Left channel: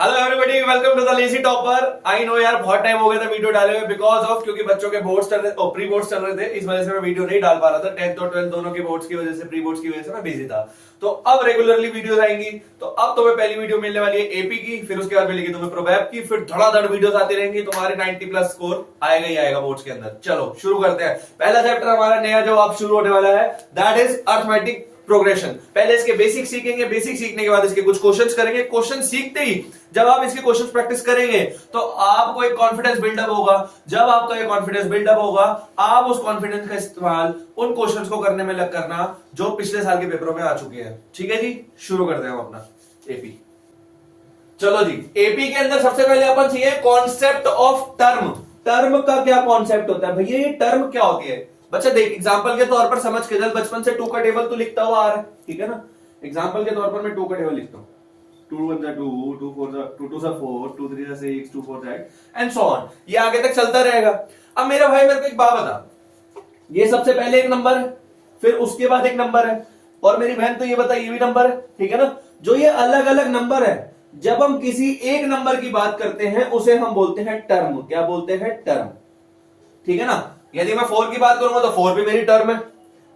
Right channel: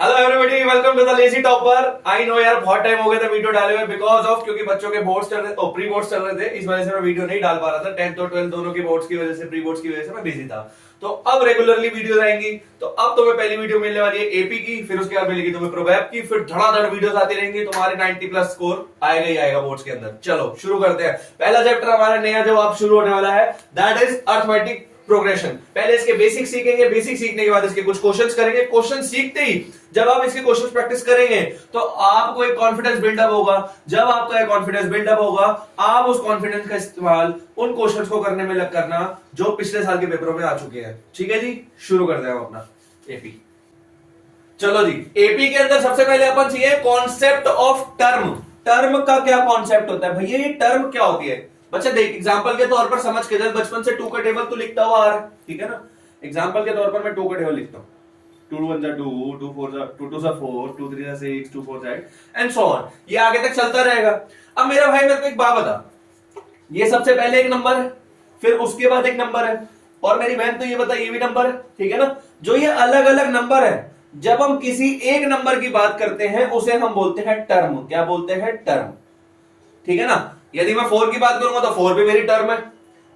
Hello everybody, welcome to the lazy topper. I know यार, बहुत time हो गया था वीडियो डाले हुए बिकॉज ऑफ क्योंकि बच्चों के बोर्ड्स चल रहे, प्री बोर्ड्स चल रहे थे, इस वजह से मैं वीडियो नहीं डाल पा रहा था। 10th और 12th दोनों के बोर्ड्स की वजह से, प्री बोर्ड्स की वजह से मैं बिजी था। तो अब रेगुलरली वीडियोस आएंगी। तो अब तुम्हें पहली वीडियो मिलने वाली है एपी की, फिर उसके बाद मिलेगी तुम्हें प्रोबैब की, फिर धड़ाधड़ वीडियोस आती रहेंगी। तुम्हारे 90 प्लस स्कोर आएगा ही आएगा बोर्ड्स के अंदर। चलो शुरू करते हैं। पहला चैप्टर हमारा नया जो अब शुरू होने वाला है, दैट इज अर्थमेटिक प्रोग्रेशन। पहले इसके बेसिक सीखेंगे, बेसिक सीखने के बाद इसके कुछ क्वेश्चंस करेंगे। क्वेश्चन सीखते ही जब आप इसके क्वेश्चंस प्रैक्टिस करेंगे तो आपको एक कॉन्फिडेंस बिल्डअप होगा। जब आपका एक कॉन्फिडेंस बिल्डअप होगा, आप उस कॉन्फिडेंस का इस्तेमाल उन क्वेश्चंस को करने में लग करना जो पिछले साल के पेपरों में आ चुके हैं। ठीक है जी, शुरू करते हैं हम अपना एपी। चलो जी, एपी के अंदर सबसे पहले अपन चाहिए कॉन्सेप्ट ऑफ टर्म। टर्म का क्या कॉन्सेप्ट होता है भैया? ये टर्म क्या होती है? बच्चा देख, एग्जांपल के तौर पर समझ के चल, बचपन से 2 का टेबल तो लिखता हुआ आ रहा है, ठीक है ना। एग्जांपल के तौर पर मैं 2 का टेबल लिखता हूं। 2 1 2 2 4 2 2 4 2 3 6 2 4 8 एंड सो ऑन। ये आगे तक चलता रहेगा। अब मेरा भाई मेरे को एक बात बता, ये सबसे पहले एक नंबर है, फिर उसके बाद एक नंबर है, और मेरी बहन तो ये बता ये भी नंबर है, ठीक है ना। जो ये अलग अलग नंबर है, जब हम किसी एक नंबर की बात करते हैं उसे हम बोलते हैं टर्म। क्या बोलते हैं? टर्म, ठीक है ना। यदि मैं 4 की बात करूंगा तो 4 भी मेरी टर्म है,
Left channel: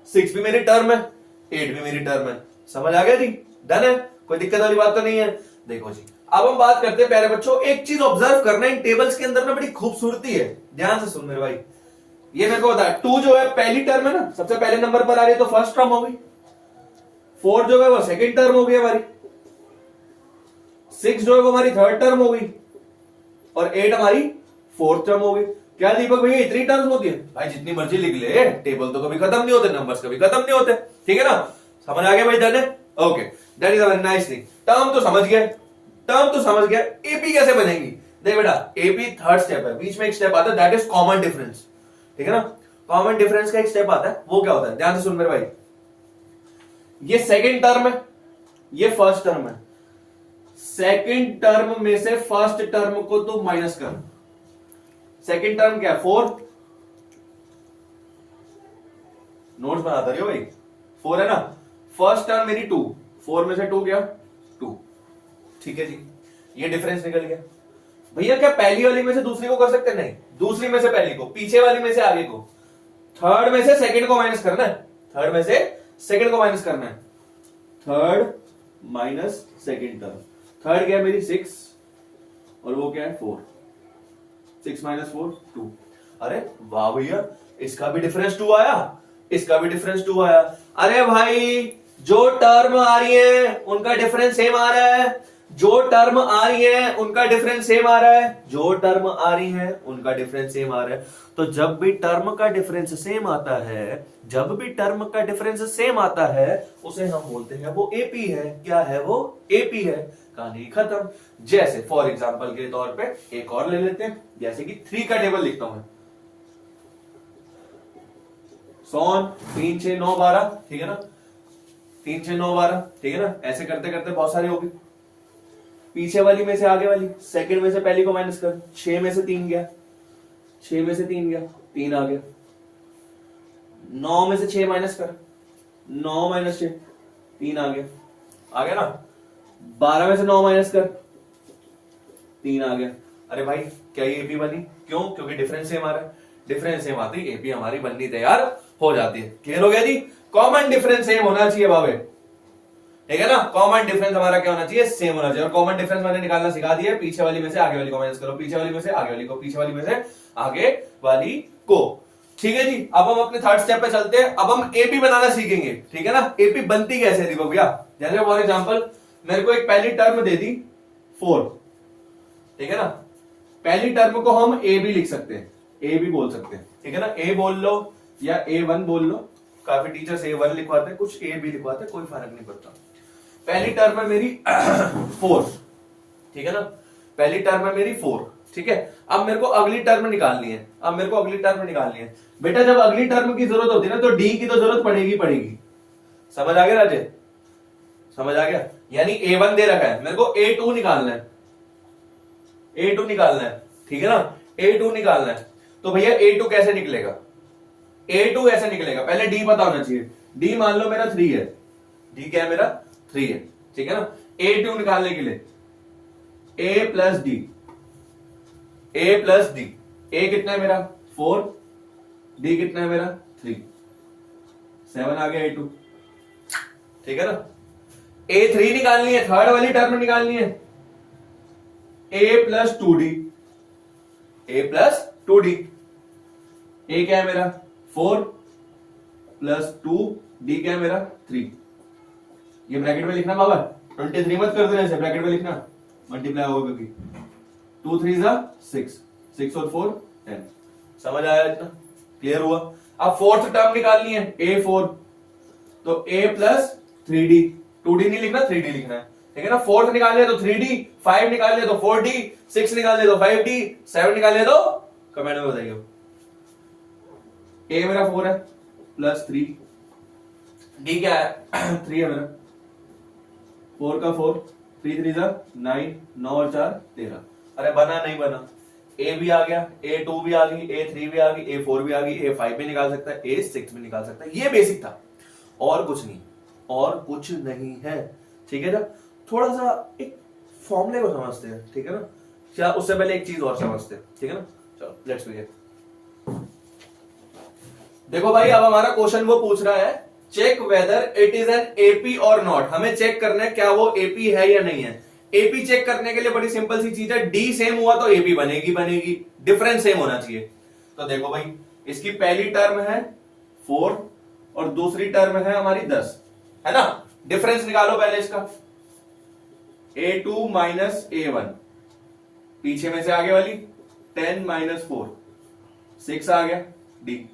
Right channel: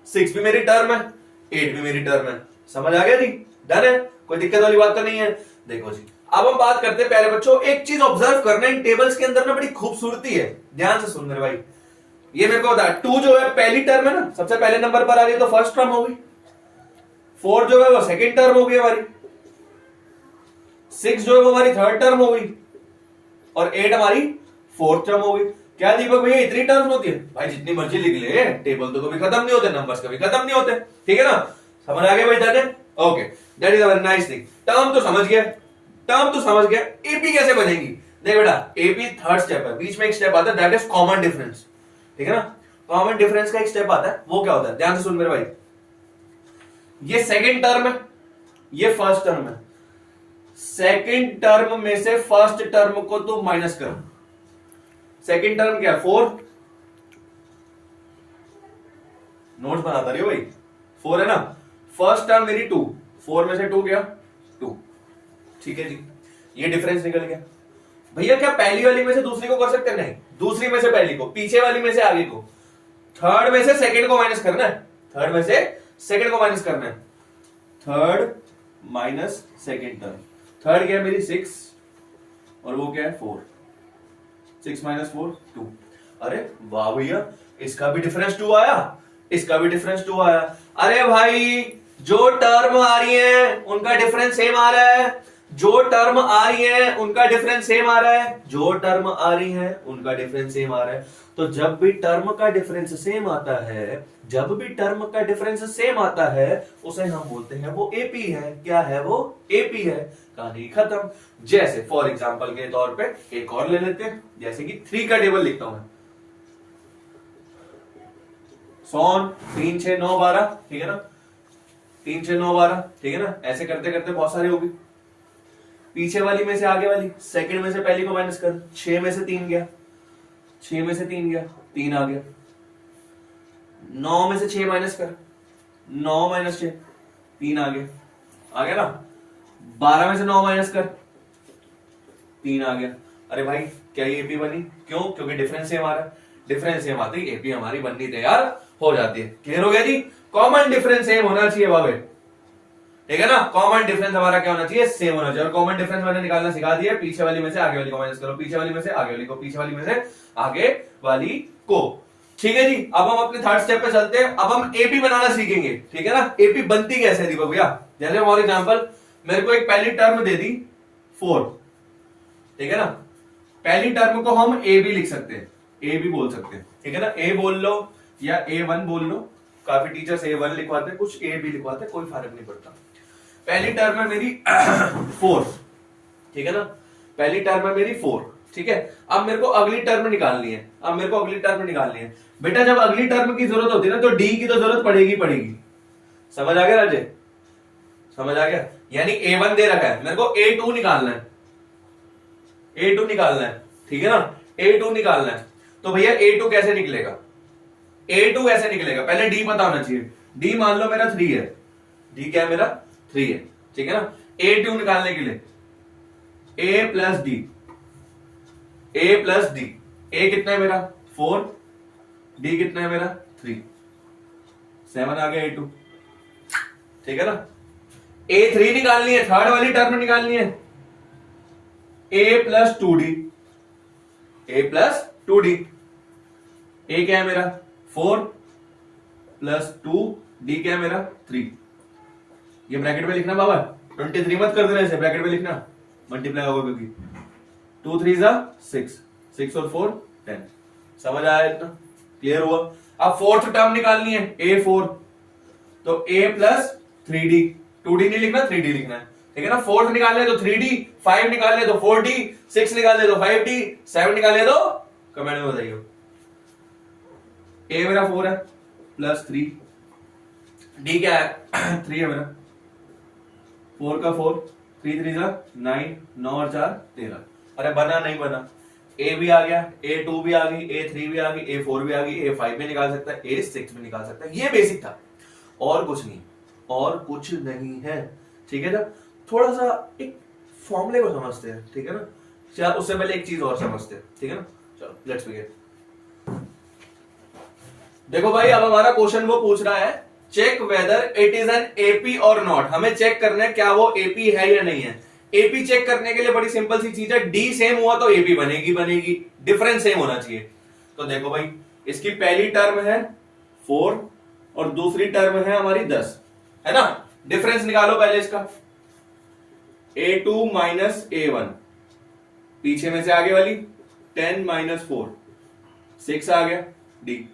6 भी मेरी टर्म है, 8 भी मेरी टर्म है। समझ आ गया जी? डन है, कोई दिक्कत वाली बात तो नहीं है। देखो जी, अब हम बात करते हैं प्यारे बच्चों, एक चीज ऑब्जर्व करना, इन टेबल्स के अंदर ना बड़ी खूबसूरती है। ध्यान से सुन मेरे भाई, ये मेरे को बता, 2 जो है पहली टर्म है ना, सबसे पहले नंबर पर आ रही है तो फर्स्ट टर्म होगी। 4 जो है वो सेकेंड टर्म होगी हमारी, 6 जो है वो हमारी थर्ड टर्म होगी, और 8 हमारी फोर्थ टर्म होगी। क्या दीपक भैया इतनी टर्म्स होती है? भाई जितनी मर्जी लिख ले, टेबल तो कभी खत्म नहीं होते, नंबर्स कभी खत्म नहीं होते, ठीक है ना। समझ आ गया भाई? डन है, okay, that is a very nice thing. Term तो समझ गया, टर्म तो समझ गया। एपी कैसे बनेगी? देख बेटा, एपी थर्ड स्टेप है, बीच में एक स्टेप आता है, दैट इज कॉमन डिफरेंस, ठीक है ना। कॉमन डिफरेंस का एक स्टेप आता है, वो क्या होता है? ध्यान से सुन मेरे भाई, ये सेकेंड टर्म है, ये फर्स्ट टर्म है। सेकेंड टर्म में से फर्स्ट टर्म को तू माइनस कर। सेकेंड टर्म क्या? 4, नोट्स बनाता रही हो भाई, 4 है ना। फर्स्ट टर्म मेरी 2, 4 में से 2 गया 2, ठीक है जी। ये डिफरेंस निकल गया। भैया क्या पहली वाली में से दूसरी को कर सकते हैं? नहीं, दूसरी में से पहली को, पीछे वाली में से आगे को, थर्ड में से सेकेंड को माइनस करना है, थर्ड में से सेकेंड को माइनस करना है। Third minus second term, third क्या है मेरी? 6, और वो क्या है? 4। 6 - 4 2। अरे वाह भैया, इसका भी डिफरेंस 2 आया, इसका भी डिफरेंस 2 आया। अरे भाई, जो टर्म आ रही है उनका डिफरेंस सेम आ रहा है, जो टर्म आ रही है उनका डिफरेंस सेम आ रहा है, जो टर्म आ रही है उनका डिफरेंस सेम आ रहा है। तो जब भी टर्म का डिफरेंस सेम आता है, जब भी टर्म का डिफरेंस सेम आता है, उसे हम बोलते हैं वो एपी है। क्या है वो? एपी है। कहानी खत्म। जैसे फॉर एग्जांपल के तौर पे एक और ले लेते हैं, जैसे कि 3 का टेबल लिखता हूं मैं, सोन 3 6 9 12, ठीक है ना। 3 6 9 12, ठीक है ना। ऐसे करते करते बहुत सारी होगी। पीछे वाली में से आगे वाली, सेकंड में से पहली को माइनस कर, 6 में से 3 गया, 6 में से 3 गया, 3 आ गया। 9 में से 6 माइनस कर, 9 - 6 3 आ गया ना। 12 में से 9 माइनस कर, 3 आ गया। अरे भाई, क्या ये एपी बनी? क्यों? क्योंकि डिफरेंस सेम आ रहा है। डिफरेंस सेम आती है एपी हमारी बननी तैयार हो जाती है। क्लियर हो गया जी? कॉमन डिफरेंस सेम होना चाहिए बाबे, ठीक है ना। कॉमन डिफरेंस हमारा क्या होना चाहिए? सेम होना चाहिए। और कॉमन डिफरेंस मैंने निकालना सिखा दिया, पीछे वाली में से आगे वाली को माइनस करो, पीछे वाली में से आगे वाली को, पीछे वाली में से आगे वाली को, ठीक है जी। अब हम अपने थर्ड स्टेप पे चलते हैं। अब हम एपी बनाना सीखेंगे, ठीक है ना। एपी बनती कैसे है दीपक भैया? जैसे फॉर एग्जांपल मेरे को एक पहली टर्म दे दी 4, ठीक है ना। पहली टर्म को हम ए भी लिख सकते हैं, ए भी बोल सकते हैं, ठीक है ना। ए बोल लो या A1 बोल लो, काफी टीचर्स A1 लिखवाते हैं, कुछ ए भी लिखवाते हैं, कोई फर्क नहीं पड़ता। पहली टर्म है मेरी 4, ठीक है ना। पहली टर्म है मेरी 4, ठीक है। अब मेरे को अगली टर्म निकालनी है, अब मेरे को अगली टर्म निकालनी है। बेटा जब अगली टर्म की जरूरत होती है ना, तो डी की तो जरूरत पड़ेगी पड़ेगी। समझ आ गया राजे? समझ आ गया? यानी A1 दे रखा है, मेरे को A2 निकालना है, A2 निकालना है, ठीक है ना। A2 निकालना है, तो भैया A2 कैसे निकलेगा? A2 ऐसे निकलेगा, पहले D पता होना चाहिए। D मान लो मेरा 3 है, D क्या है मेरा? 3 है, ठीक है ना। A2 निकालने के लिए ए प्लस डी, ए प्लस डी। ए कितना है मेरा 4, डी कितना है मेरा 3, 7 आ गया A2, ठीक है ना। A3 निकालनी है, थर्ड वाली टर्म निकालनी है, A plus 2D, A plus 2D। A क्या है मेरा 4 प्लस 2, D क्या है मेरा 3। ये ब्रैकेट में लिखना बाबा, 23 मत कर देना इसे, ब्रैकेट में लिखना, मल्टीप्लाई होगा क्योंकि 2 3 6, 6 और 4 10। समझ आया इतना, क्लियर हुआ। अब फोर्थ टर्म निकालनी है A4, तो A प्लस 3D, 2D नहीं लिखना 3D लिखना है, ठीक है ना। फोर्थ निकाल ले तो 3D, 5 निकाल ले तो 4D, 6 निकाल ले तो 5D, 7 निकाल ले तो कमेंट में बताइए। A मेरा 4 है प्लस 3, D क्या है 3 है मेरा, 4 का 4, 3 3 9, 9 और 4 13। अरे बना नहीं बना, A भी आ गया, A2 भी आ गई, A3 भी आ गई, A4 भी आ गई, A5 भी निकाल सकता है, A6 भी निकाल सकता है। ये बेसिक था, और कुछ नहीं, और कुछ नहीं है, ठीक है ना। थोड़ा सा एक फॉर्मूले को समझते हैं, ठीक है ना। क्या उससे पहले एक चीज और समझते हैं, ठीक है ना। चलो लेट्स बिगिन। देखो भाई, अब हमारा क्वेश्चन वो पूछ रहा है, check whether it is an AP और नॉट। हमें चेक करना है क्या वो एपी है या नहीं है। एपी चेक करने के लिए बड़ी सिंपल सी चीज है, डी सेम हुआ तो एपी बनेगी बनेगी, डिफरेंस सेम होना चाहिए। तो देखो भाई, इसकी पहली टर्म है 4 और दूसरी टर्म है हमारी 10, है ना। डिफरेंस निकालो पहले इसका, A2 माइनस A1, पीछे में से आगे वाली 10 माइनस 4, 6 आ गया डी।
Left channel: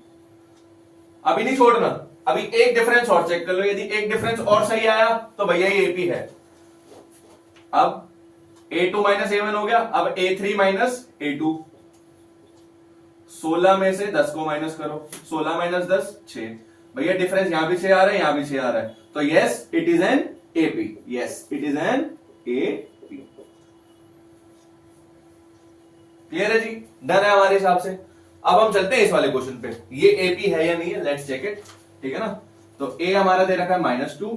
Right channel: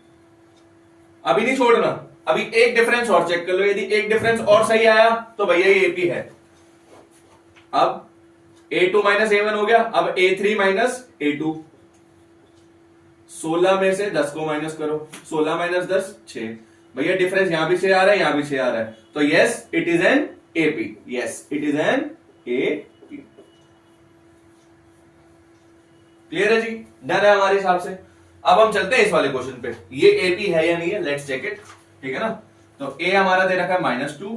अभी नहीं छोड़ना, अभी एक डिफरेंस और चेक कर लो, यदि एक डिफरेंस और सही आया तो भैया ये एपी है। अब A2 माइनस A1 हो गया, अब A3 माइनस A2, 16 में से 10 को माइनस करो, 16 माइनस 10 6। भैया डिफरेंस यहां भी से आ रहा है, यहां भी से आ रहा है, तो yes it is an AP, yes it is an AP. Clear है जी, डन है हमारे हिसाब से। अब हम चलते हैं इस वाले क्वेश्चन पे, ये एपी है या नहीं है, लेट्स चेक इट, ठीक है ना। तो A हमारा दे रखा है -2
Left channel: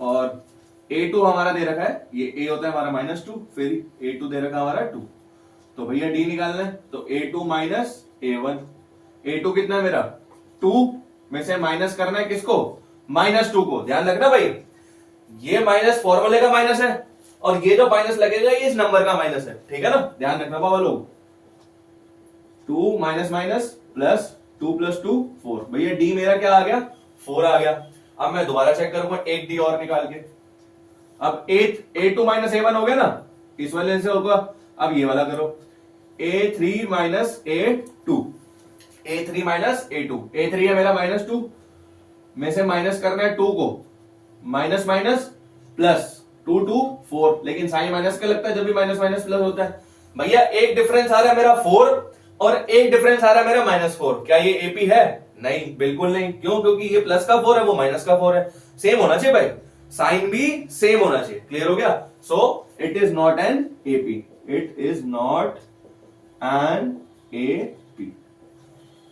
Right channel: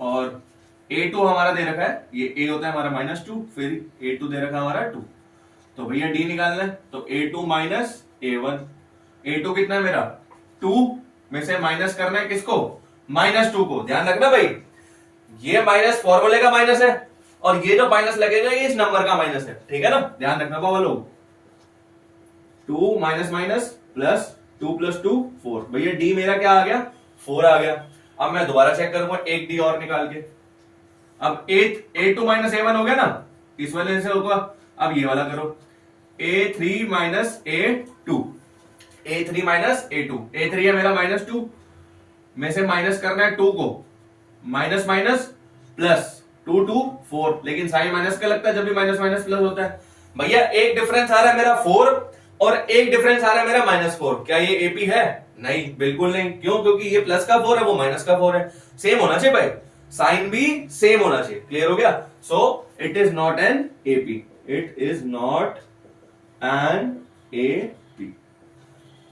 और A2 हमारा दे रखा है, ये A होता है हमारा -2, फिर A2 दे रखा है हमारा 2। तो भैया D निकालना है, तो A2 माइनस A1, A2 कितना है मेरा 2 में से माइनस करना है किसको, -2 को। ध्यान रखना भाई, ये माइनस फॉर्मूले का माइनस है और ये जो माइनस लगेगा ये इस नंबर का माइनस है, ठीक है ना। ध्यान रखना बाबा लोग, 2 माइनस माइनस प्लस 2 प्लस 2 4। भैया डी मेरा क्या आ गया 4 आ गया। अब मैं दोबारा चेक करूंगा एक डी और निकाल के। अब A2 माइनस A1 हो गया ना, इस वाले से होगा। अब ये वाला करो, A3 minus A2, A3 minus A2, A3 है मेरा -2 में से माइनस करना है 2 को, माइनस माइनस प्लस 2 2 4, लेकिन साइन माइनस का लगता है जब भी माइनस माइनस प्लस होता है। भैया एक डिफरेंस आ रहा है मेरा 4 और एक डिफरेंस आ रहा है मेरा -4, क्या ये एपी है? नहीं, बिल्कुल नहीं। क्यों? क्योंकि ये प्लस का 4 है, वो माइनस का 4 है। सेम होना चाहिए भाई, साइन भी सेम होना चाहिए। क्लियर हो गया? So it is not an AP, it is not an AP.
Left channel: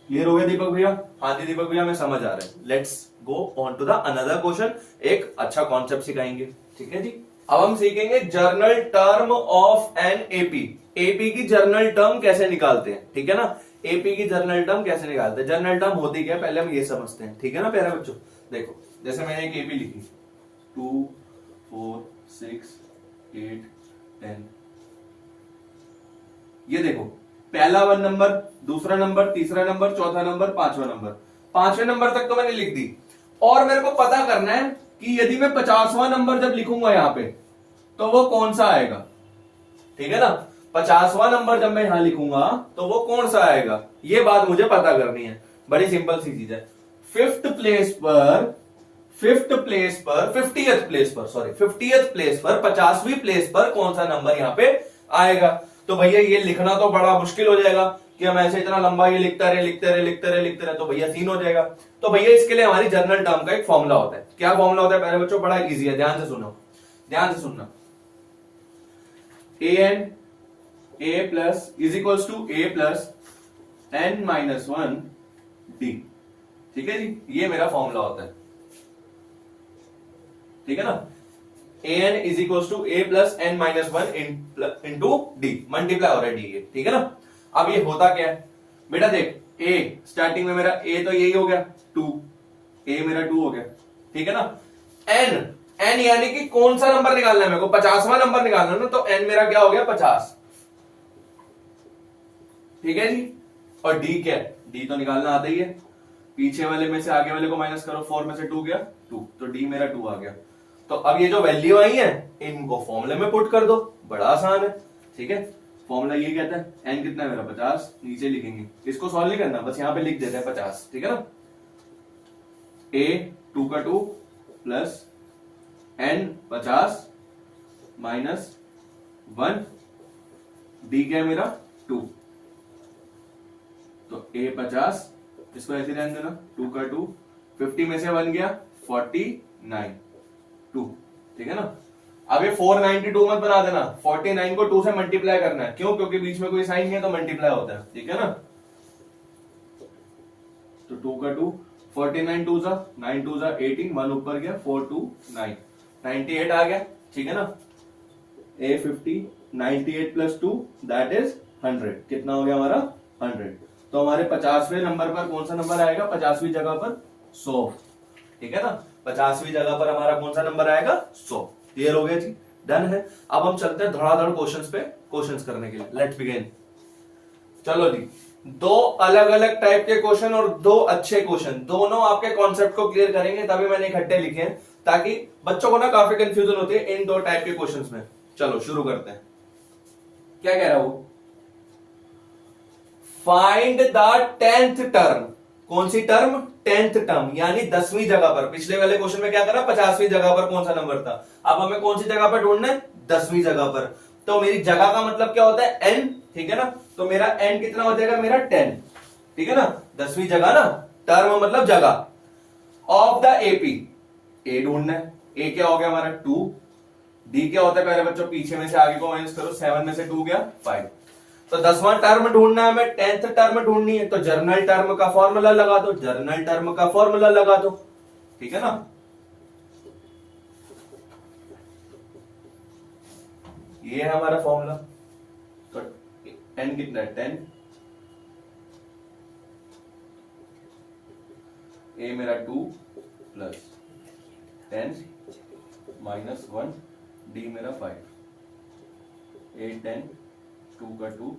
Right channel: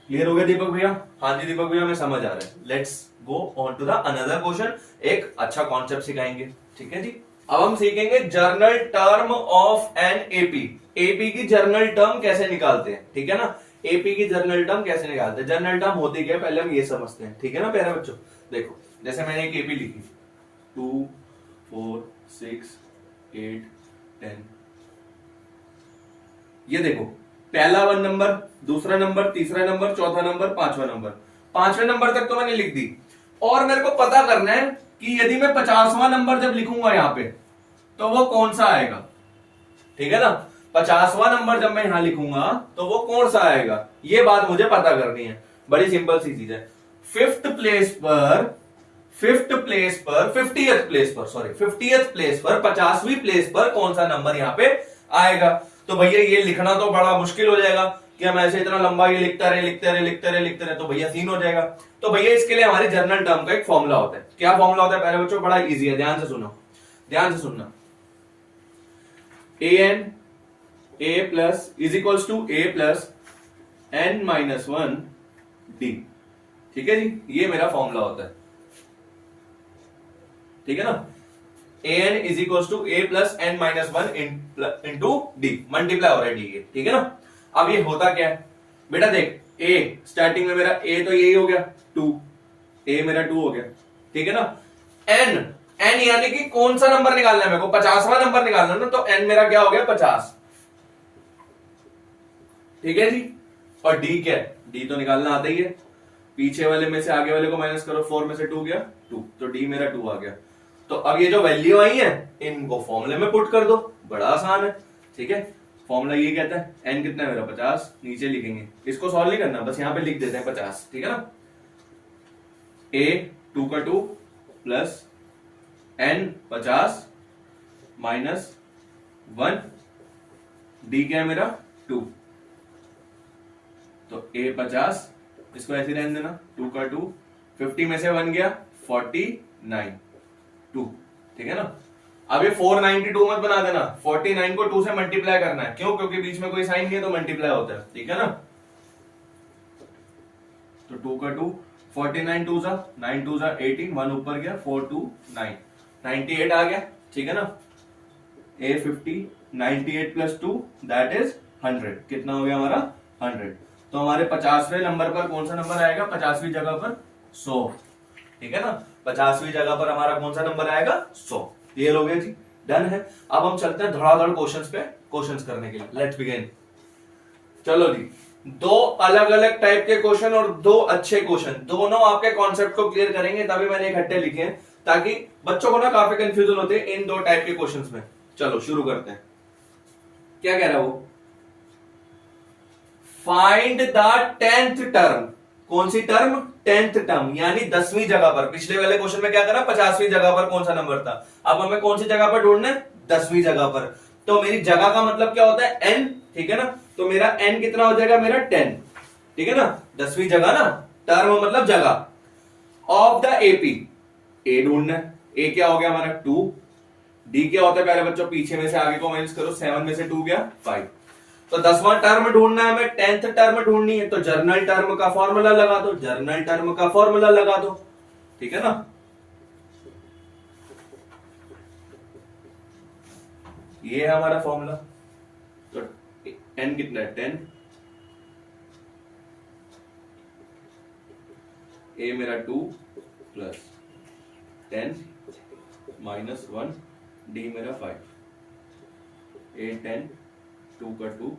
Clear हो गया दीपक भैया? हाँ जी दीपक भैया, मैं समझ आ रहा है। Let's go on to the another question. एक अच्छा कॉन्सेप्ट सिखाएंगे, ठीक है जी। अब हम सीखेंगे journal term of an AP. AP की जर्नल टर्म कैसे निकालते हैं, ठीक है ना। एपी की जर्नल टर्म कैसे निकालते हैं, जर्नल टर्म होती क्या है पहले हम ये समझते हैं, ठीक है ना प्यारे बच्चों। देखो जैसे मैंने एक एपी लिखी 2 4 6 8 10, ये देखो पहला 1 नंबर, दूसरा नंबर, तीसरा नंबर, चौथा नंबर, पांचवा नंबर। पांचवें नंबर तक तो मैंने लिख दी। और मेरे को पता करना है कि यदि मैं 50वां नंबर जब लिखूंगा यहां पे तो वो कौन सा आएगा, ठीक है ना। 50वां नंबर जब मैं यहां लिखूंगा तो वो कौन सा आएगा, ये बात मुझे पता करनी है। बड़ी सिंपल सी चीज है। 50th प्लेस पर 50th प्लेस पर 50वीं प्लेस पर कौन सा नंबर यहां पे आएगा। तो भैया ये लिखना तो बड़ा मुश्किल हो जाएगा कि हम ऐसे इतना लंबा ये लिखते रहे तो भैया सीन हो जाएगा। तो भैया इसके लिए हमारी जर्नल टर्म का एक फॉर्मूला होता है। क्या फॉर्मूला होता है प्यारे बच्चों? बड़ा इजी है, ध्यान से सुनो, ध्यान से सुनना। an a plus is equals to a plus n minus 1 d, ठीक है जी। ये मेरा फॉर्मूला होता है, ठीक है ना। A N is equal to A plus N minus one into D, multiply हो रहा है डी के, ठीक है ना। अब ये होता क्या है बेटा, देख ए स्टार्टिंग में मेरा ए तो यही हो गया 2, ए मेरा 2 हो गया, ठीक है ना। एन, एन यानी कि कौन सा नंबर निकालना है मेरे को, 50वां नंबर निकालना है ना, तो एन मेरा क्या हो गया 50, ठीक है जी। और डी क्या है, डी तो निकालना आता ही है, पीछे वाले में से आगे वाले को माइनस करो, 4 में से 2 गया 2, तो डी मेरा 2 आ गया। तो अब ये जो वैल्यू आई है इनको फॉर्मूले में पुट कर दो, बड़ा आसान है, ठीक है। फॉर्मूला ये कहता है एन कितना है मेरा 50, नीचे लिखेंगे, इसको सॉल्व नहीं करना, बस यहां पे लिख देते हैं 50, ठीक है ना। ए 2 का 2 प्लस एन 50 माइनस 1, डी क्या है मेरा 2, तो ए 50, इसको ऐसे रहने देना, 2 का 2, 50 में से 1 गया 49 2, ठीक है ना। अब ये 492 मत बना देना, 49 को 2 से मल्टीप्लाई करना है, क्यों, क्योंकि बीच में कोई साइन नहीं है तो मल्टीप्लाई होता है, ठीक है ना। तो 2 का 2, 49 2 सा 9 2 सा 18, 1 ऊपर गया 4 2 9, 98 आ गया, ठीक है ना। ए 50, 98 प्लस 2 दैट इज 100, कितना हो गया हमारा 100। तो हमारे 50वें नंबर पर कौन सा नंबर आएगा, 50वीं जगह पर 100, ठीक है ना। 50वीं जगह पर हमारा कौन सा नंबर आएगा 100, क्लियर हो गया जी, डन है। अब हम चलते हैं धड़ाधड़ क्वेश्चंस पे, क्वेश्चंस करने के लिए, लेट्स बिगिन। चलो जी, 2 अलग अलग टाइप के क्वेश्चन और 2 अच्छे क्वेश्चन, दोनों आपके कॉन्सेप्ट को क्लियर करेंगे, तभी मैंने इकट्ठे लिखे हैं, ताकि बच्चों को ना काफी कंफ्यूजन होती है इन 2 टाइप के क्वेश्चंस में। चलो शुरू करते हैं, क्या कह रहा है वो, फाइंड द 10th टर्म, कौन सी टर्म, 10th टर्म यानी 10वीं जगह पर। पिछले वाले क्वेश्चन में क्या करा, 50वीं जगह पर कौन सा नंबर था, अब हमें कौन सी जगह पर ढूंढना है, 10वीं जगह पर। तो मेरी जगह का मतलब क्या होता है n, ठीक है ना, तो मेरा n कितना हो जाएगा मेरा 10, ठीक है ना, 10वीं जगह ना, टर्म मतलब जगह। ऑफ द एपी, ए ढूंढना है, ए क्या हो गया हमारा 2, डी क्या होता है प्यारे बच्चों, पीछे में से आगे को माइनस करो, 7 में से 2 गया 5, तो 10वां टर्म ढूंढना है हमें, 10th टर्म ढूंढनी है, तो जर्नल टर्म का फॉर्मूला लगा दो, जर्नल टर्म का फॉर्मूला लगा दो, ठीक है ना। ये है हमारा फॉर्मूला, तो n कितना है 10, ए मेरा 2 प्लस 10 माइनस 1, डी मेरा 5, ए 10, 2 का 2,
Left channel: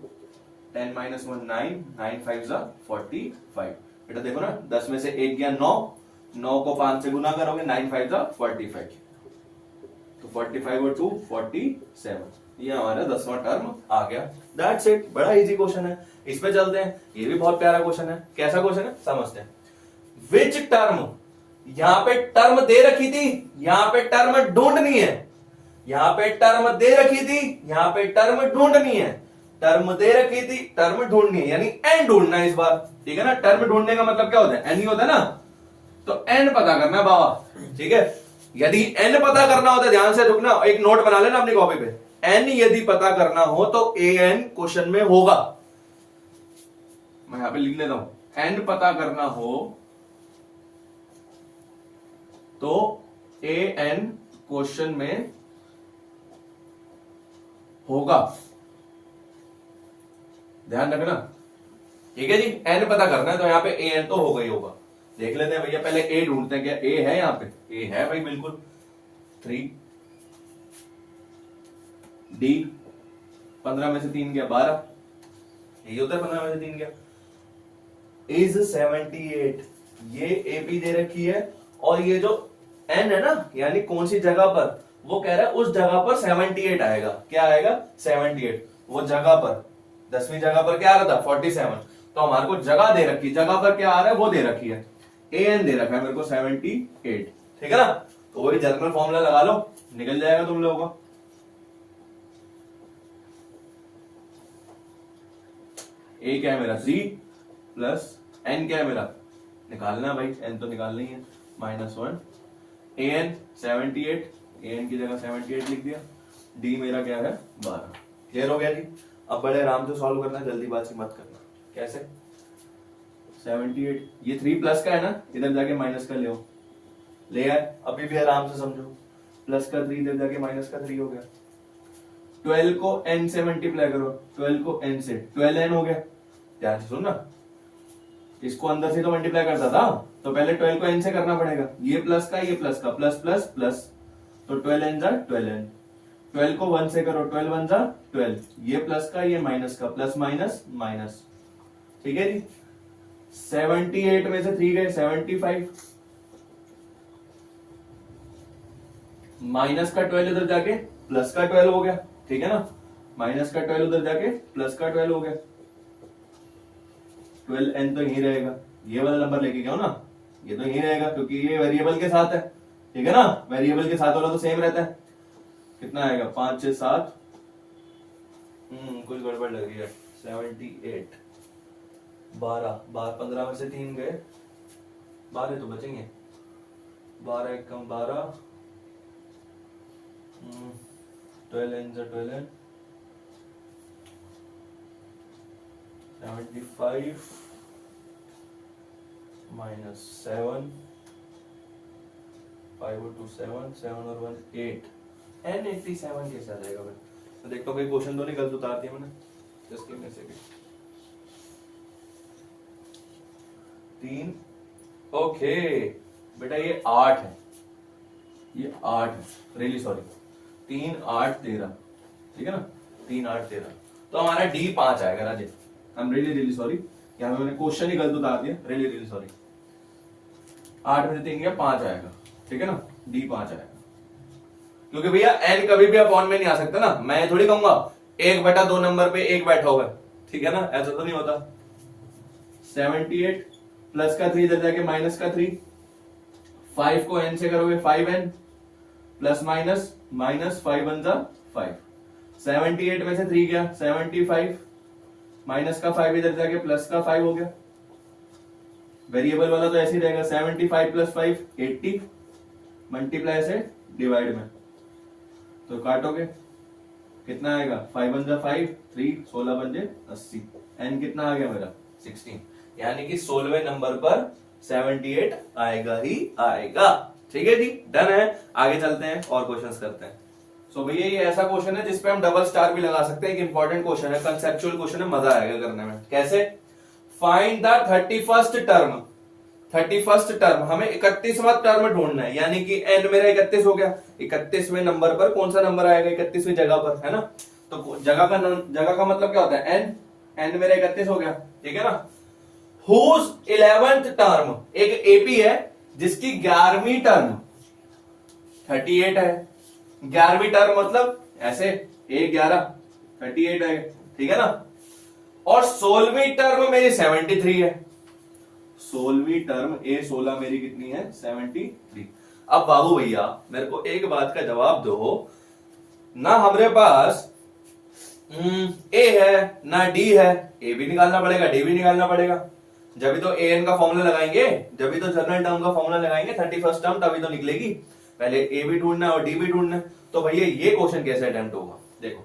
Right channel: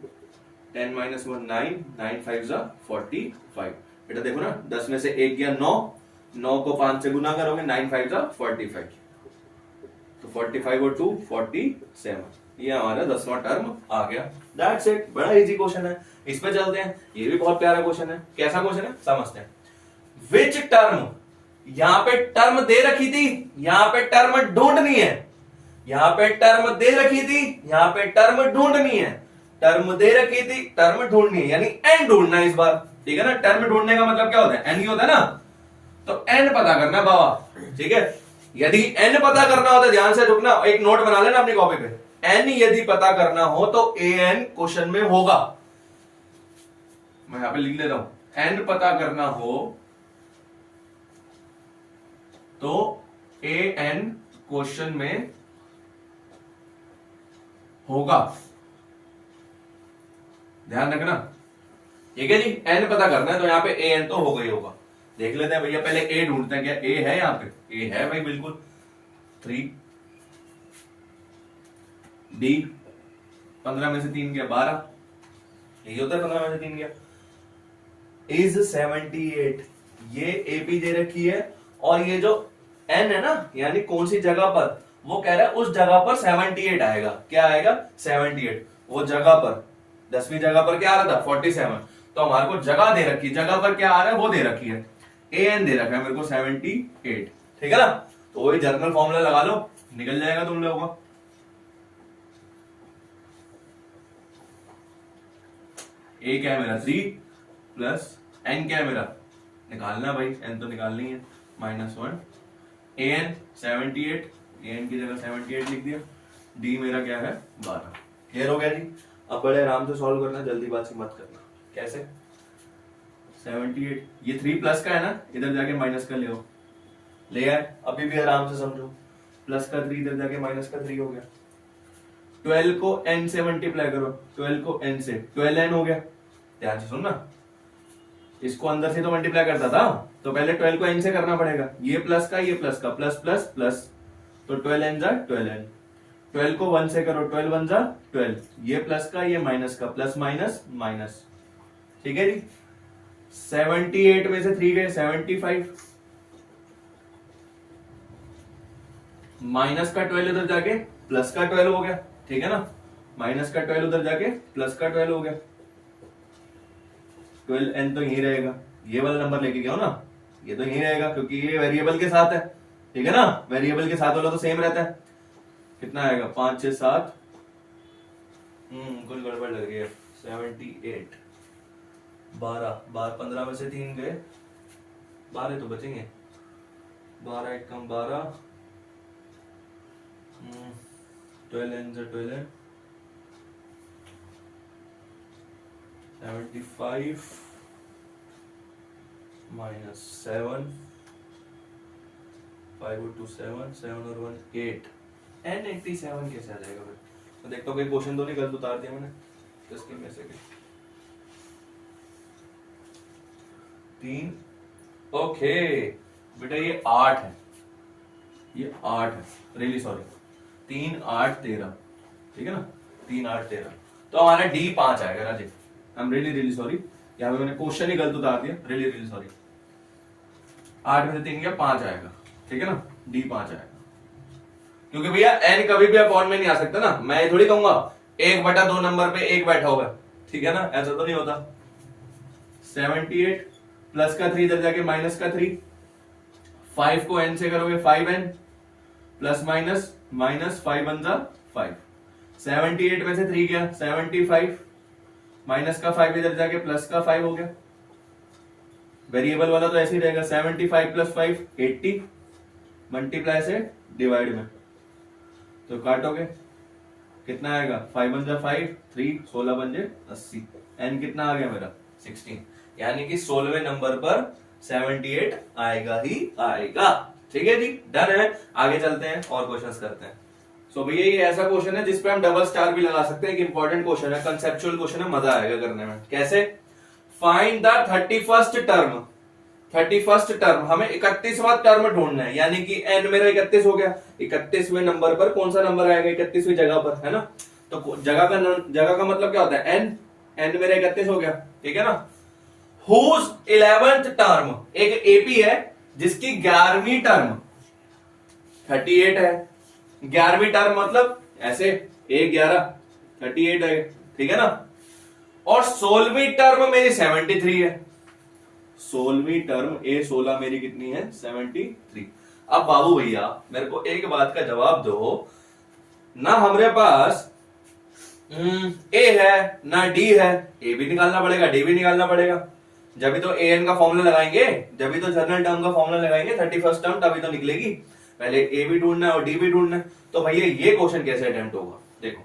10 माइनस 1 9, 9 5 जा 45। बेटा देखो ना, 10 में से 1 गया 9, 9 को 5 से गुना करोगे, 9 5 जा 45, तो 45 और 2 47, ये हमारा 10वां टर्म आ गया, दैट्स इट। बड़ा इजी क्वेश्चन है, इस पे चलते हैं, ये भी बहुत प्यारा क्वेश्चन है। कैसा क्वेश्चन है समझते हैं। विच टर्म, यहां पे टर्म दे रखी थी, यहां पे टर्म ढूंढनी है, यहां पे टर्म दे रखी थी, यहां पे टर्म ढूंढनी है, टर्म दे रखी थी, टर्म ढूंढनी है, यानी एन ढूंढना है इस बार, ठीक है ना। टर्म ढूंढने का मतलब क्या होता है, एन ही होता है ना, तो एन पता करना है बाबा, ठीक है। यदि एन पता करना होता है, ध्यान से रुकना, एक नोट बना लेना अपनी कॉपी पे, एन यदि पता करना हो तो ए एन क्वेश्चन में होगा, मैं यहां पे लिख ले रहा हूं, एन पता करना हो तो ए एन क्वेश्चन में होगा, ध्यान रखना, ठीक है जी। एन पता करना है तो यहां पे ए एन तो होगा ही होगा। देख लेते हैं भैया, पहले ए ढूंढते हैं, क्या ए है यहां पे, ए है भाई बिल्कुल, 3, डी 15 में से 3 गया 12, यही होता है 15 में से 3 गया, इज 78, ये एपी दे रखी है, और ये जो एन है ना, यानी कौन सी जगह पर, वो कह रहा है उस जगह पर 78 आएगा, क्या आएगा 78, वो जगह पर 10वीं जगह पर क्या आ रहा था 47, तो हमारे को जगह दे रखी, जगह पर क्या आ रहा है वो दे रखी है, ए एन दे रखा है मेरे को 78, ठीक है ना। तो वही जर्नल फॉर्मूला लगा लो, निकल जाएगा तुम लोगों का। ए क्या है मेरा 3 प्लस एन क्या है मेरा, निकालना भाई, एन तो निकालनी है, -1, ए एन 78, ए एन की जगह 78 लिख दिया, डी मेरा क्या है 12, क्लियर हो गया जी। अब बड़े आराम से सॉल्व करना, जल्दीबाजी मत करना। कैसे, 78, ये 3 प्लस का है ना, इधर जाके माइनस का ले आए, अभी भी आराम से समझो, प्लस का 3 इधर जाके माइनस का 3 हो गया। 12 को n से मल्टीप्लाई करो, 12 को n से 12n हो गया। ध्यान से सुनना, इसको अंदर से तो मल्टीप्लाई करता था, तो पहले 12 को n से करना पड़ेगा। ये प्लस का प्लस प्लस प्लस, तो 12n जा 12n। 12 को 1 से करो, 12 1 जा 12, ये प्लस का ये माइनस का, प्लस माइनस माइनस। ठीक है जी। 78 में से 3 गए 75, माइनस का 12 उधर जाके प्लस का 12 हो गया। ठीक है ना, माइनस का 12 उधर जाके प्लस का 12 हो गया। 12n तो यही रहेगा, ये वाला नंबर लेके गया हो ना, ये तो यही रहेगा क्योंकि ये वेरिएबल के साथ है। ठीक है ना, वेरिएबल के साथ वाला तो सेम रहता है। कितना आएगा, 5 6 7, कुछ गड़बड़ लग रही है। 78, 12 15 में से 3 गए, 12 तो बचेंगे, 12 1 कम 12, 12n से 12n, 75 माइनस 7, 5 और 2 7, 7 और 1 8, n87 कैसे आ जाएगा भाई? तो देखता हूँ कोई क्वेश्चन तो नहीं गलत उतार दिया मैंने। Just give me a second. 3, okay बेटा ये 8 है, ये 8 है, रियली सॉरी, 3 8 13। ठीक है ना, 3 8 13, तो हमारा डी 5 आएगा Rajesh. I am really sorry, यहाँ पे मैंने क्वेश्चन ही गलत उतार दिया, रियली सॉरी। 8 में से 3 गया 5 आएगा। ठीक है ना, डी 5 आएगा, क्योंकि भैया n कभी भी अपॉन में नहीं आ सकता ना। मैं थोड़ी कहूंगा 1/2 नंबर पे 1 बैठा हुआ है। ठीक है ना, ऐसा तो नहीं होता। 78 प्लस का 3 इधर जाके माइनस का 3, 5 को n से करोगे 5n, प्लस माइनस माइनस 5 1 जा 5। 78 में से 3 गया 75, माइनस का 5 इधर जाके प्लस का 5 हो गया। वेरिएबल वाला तो ऐसे ही रहेगा, 75 प्लस 5 80, मल्टीप्लाई से डिवाइड में, तो काटोगे कितना आएगा, 5 1 जा 5, 3 16 बन 80, n कितना आ गया मेरा 16, यानी कि 16वें नंबर पर 78 आएगा ही आएगा। ठीक है जी, डन है। आगे चलते हैं और क्वेश्चंस करते हैं। सो भैया ये ऐसा क्वेश्चन है जिसपे हम डबल स्टार भी लगा सकते हैं। एक इंपॉर्टेंट क्वेश्चन है, कंसेप्चुअल क्वेश्चन है, मजा आएगा करने में। कैसे? Find the 31st term. 31st term, हमें 31वां टर्म ढूंढना है, यानी कि n मेरा 31 हो गया। 31वें नंबर पर कौन सा नंबर आएगा 31वीं जगह पर, है ना? तो जगह का मतलब क्या होता है, n मेरा 31 हो गया। ठीक है ना। हुज 11th टर्म, एक एपी है जिसकी 11वीं टर्म 38 है। 11वीं टर्म मतलब ऐसे 1 11 38 है। ठीक है ना। और 16वीं टर्म मेरी 73 है। 16वीं टर्म ए 16 मेरी कितनी है, 73। अब बाबू भैया मेरे को एक बात का जवाब दो ना, हमारे पास ए है ना डी है, ए भी निकालना पड़ेगा डी भी निकालना पड़ेगा। जब भी तो ए एन का फॉर्मूला लगाएंगे, जब भी तो जनरल टर्म का फॉर्मूला लगाएंगे 31st टर्म, तभी तो निकलेगी। पहले ए भी ढूंढना है और डी भी ढूंढना है। तो भैया ये क्वेश्चन कैसे अटेम्प्ट होगा, देखो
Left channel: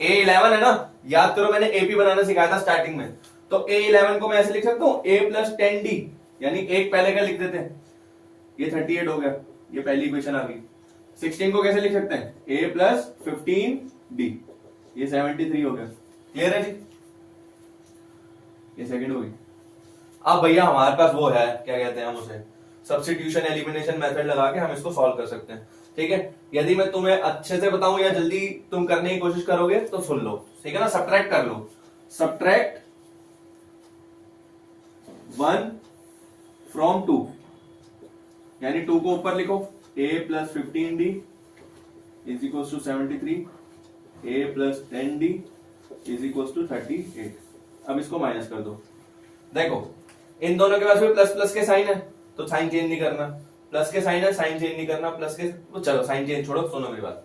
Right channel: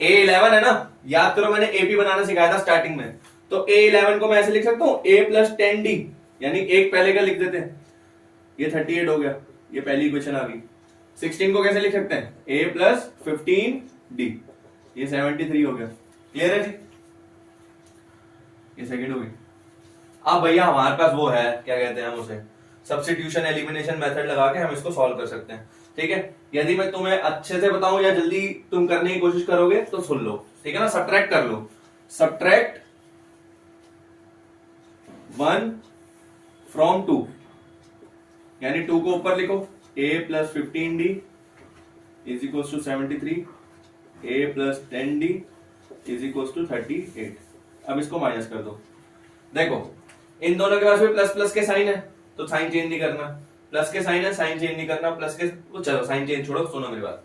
ए 11 है ना, याद करो मैंने एपी बनाना सिखाया था स्टार्टिंग में। तो ए 11 को मैं ऐसे लिख सकता हूं, ए प्लस 10d, यानी एक पहले का लिख देते हैं, ये 38 हो गया, ये पहली इक्वेशन आ गई। 16 को कैसे लिख सकते हैं, ए प्लस 15d, ये 73 हो गया। क्लियर है जी, ये सेकंड हो गई। अब भैया हमारे पास वो है, क्या कहते हैं हम उसे, सब्स्टिट्यूशन एलिमिनेशन मेथड लगा के हम इसको सॉल्व कर सकते हैं। ठीक है, यदि मैं तुम्हें अच्छे से बताऊं या जल्दी तुम करने की कोशिश करोगे तो सुन लो। ठीक है ना, सब्ट्रैक्ट कर लो। सब्ट्रैक्ट 1 फ्रॉम 2, यानी 2 को ऊपर लिखो, a plus 15d is equal to 73, a plus 10d is equal to 38। अब इसको माइनस कर दो। देखो इन दोनों के पास भी प्लस प्लस के साइन है, तो साइन चेंज नहीं करना। प्लस के साइन है, साइन चेंज नहीं करना। प्लस के, चलो साइन चेंज छोड़ो, सुनो मेरी बात।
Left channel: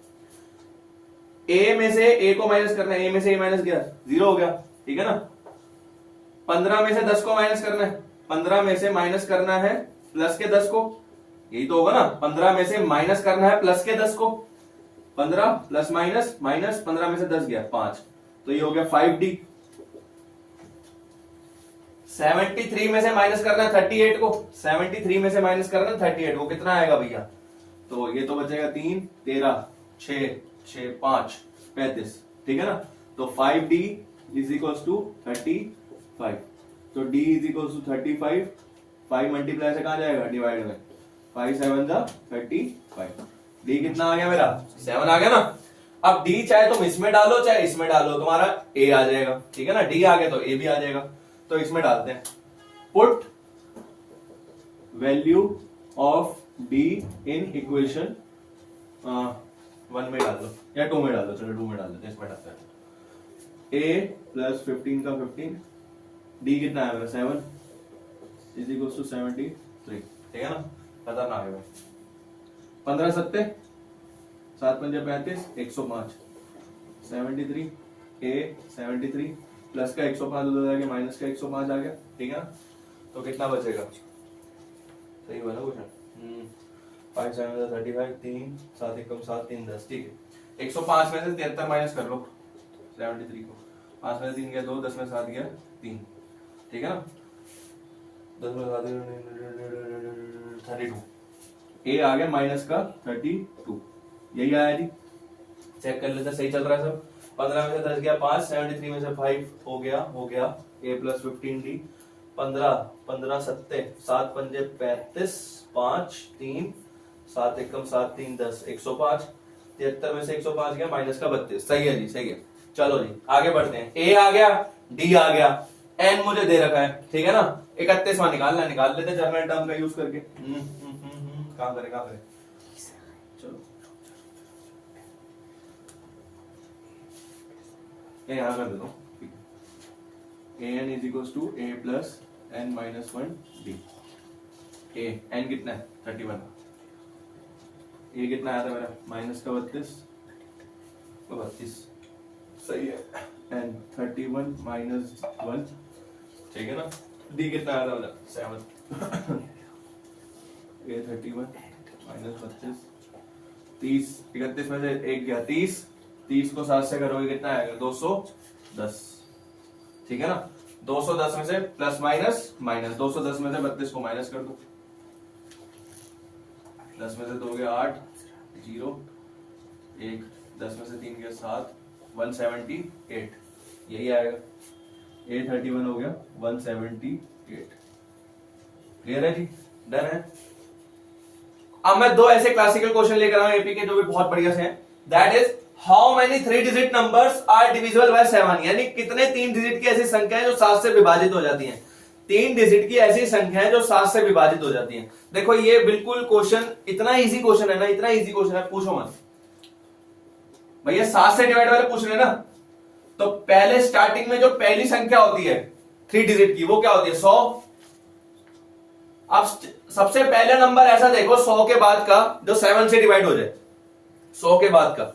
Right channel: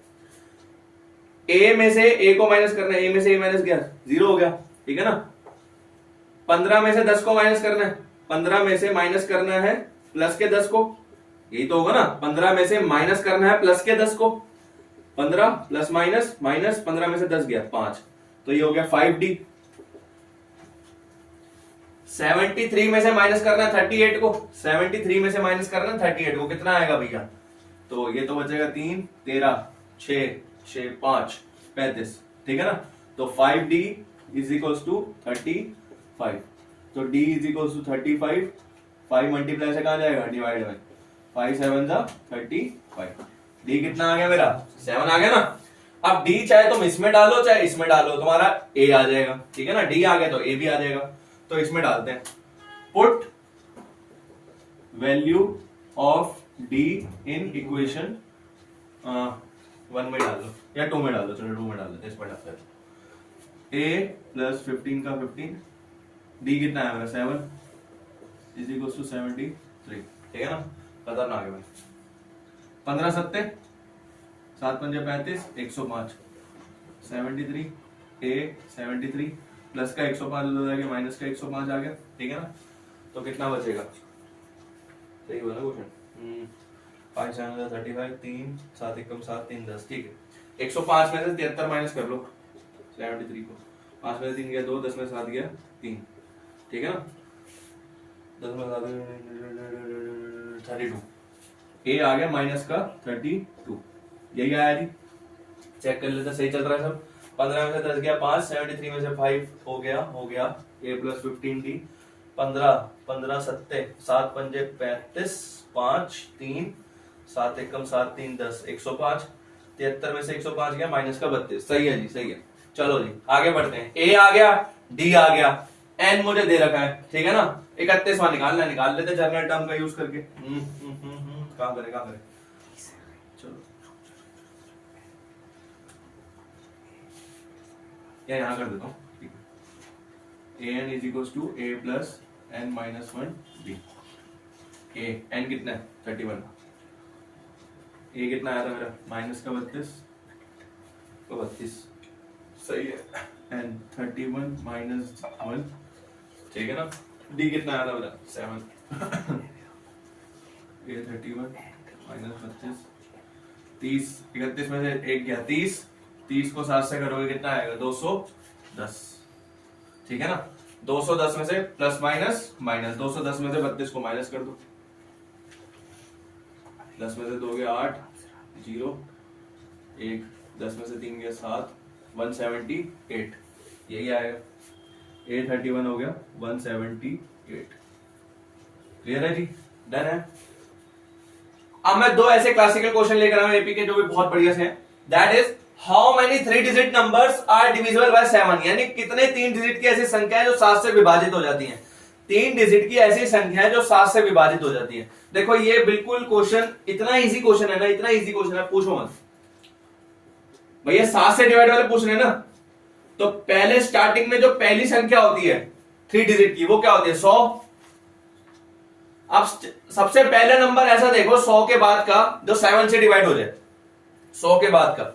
ए में से ए को माइनस करना है, ए में से ए माइनस गया 0 हो गया। ठीक है ना। 15 में से 10 को माइनस करना है, 15 में से माइनस करना है प्लस के 10 को, यही तो होगा ना। 15 में से माइनस करना है प्लस के 10 को, 15 प्लस माइनस माइनस, 15 में से 10 गया 5, तो ये हो गया 5d। 73 में से माइनस करना है 38 को, 73 में से माइनस करना है 38 को, कितना आएगा भैया, तो ये तो बचेगा 3, 13, 6, 6, 5, 35, ठीक है ना। तो 5D इज इक्वल्स टू 35, तो D is equals to 35, 5 multiply से कहाँ जाएगा, डिवाइड में 5 7 जा 35, D कितना आ गया मेरा 7 आ गया ना। अब D चाहे तुम इसमें डालो चाहे इसमें डालो, तुम्हारा A आ जाएगा, ठीक है ना। D आ गया तो A भी आ जाएगा, तो इसमें डालते हैं। Put value of D in equation 1 में डाल दो या 2 में डाल दो, चलो 2 में डाल दो, इसमें डालते हैं। A प्लस 15 का 15, D कितना है मेरा 7 इज इक्वल टू 73, ठीक है ना। खतरनाक है भाई। 15 सत्ते 7 पंजे 35, 105, 73, A 73 प्लस का 105 उधर आ गया, माइनस का 105 आ गया, ठीक है ना। तो कितना बचेगा, सही हुआ ना क्वेश्चन। 5 7 35, 3 7 1 7 3 10, ठीक है। 105 में से 73 माइनस कर लो 73 को, 5 में से 3 गया 2, 10 में 7 गया 3, ठीक है ना। 10 में 7 32, A आ गया माइनस का 32, यही आया जी। चेक कर लेते, सही चल रहा है सब। 15 में से 10 गया 5, 73 में से 5 हो गया A प्लस 15D, 15 15 सत्ते 7 पंजे 35, 5 3 7 1 7 3 10, 105, 73 में से 105 गया माइनस का 32, सही है जी, सही है। चलो जी आगे बढ़ते हैं। A आ गया, D आ गया, N मुझे दे रखा है, ठीक है ना। 31वां निकालना है, निकाल लेते जनरल टर्म का यूज करके। काम करें चलो या यहां कर देता हूं, ठीक है। an is equals to a plus n minus 1d। a n कितना है 31, a कितना आया था मेरा माइनस का 32, तो 32 सही है। n 31 माइनस 1, ठीक है ना। d कितना आया था मेरा 7, a 31 माइनस 32, 30 31 में से 1 गया 30, 30 को 7 से करोगे कितना आएगा 210, ठीक है ना। 210 में से प्लस माइनस माइनस, 210 में से 32 को माइनस कर दो, 10 में से 2 गया 8, 0 1, 10 में से 3 गया 7, 178, यही आएगा। A31 हो गया 178, क्लियर है जी, डन है। अब मैं 2 ऐसे क्लासिकल क्वेश्चन लेकर आया हूं एपी के जो भी बहुत बढ़िया से हैं। That is how many 3 digit numbers are divisible by 7, यानी कितने 3 डिजिट की ऐसी संख्या है जो 7 से विभाजित हो जाती हैं। 3 डिजिट की ऐसी संख्या है जो 7 से विभाजित हो जाती है। देखो ये बिल्कुल क्वेश्चन इतना इजी क्वेश्चन है ना, इतना इजी क्वेश्चन है, पूछो मत भैया। 7 से डिवाइड वाले पूछ रहे हैं ना, तो पहले स्टार्टिंग में जो पहली संख्या होती है 3 डिजिट की वो क्या होती है 100। अब सबसे पहले नंबर ऐसा देखो 100 के बाद का जो 7 से डिवाइड हो जाए, 100 के बाद का